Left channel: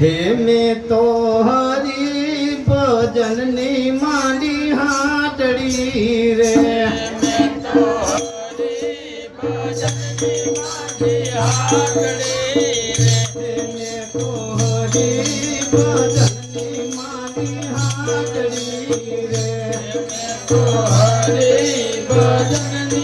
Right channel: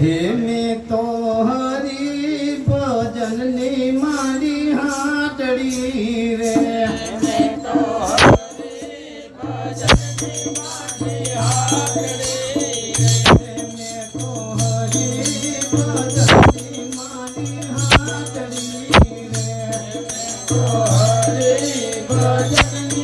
હે મેં તો હરી ભજનની મારી હાટડી રે. મેં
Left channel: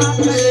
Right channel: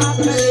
હરી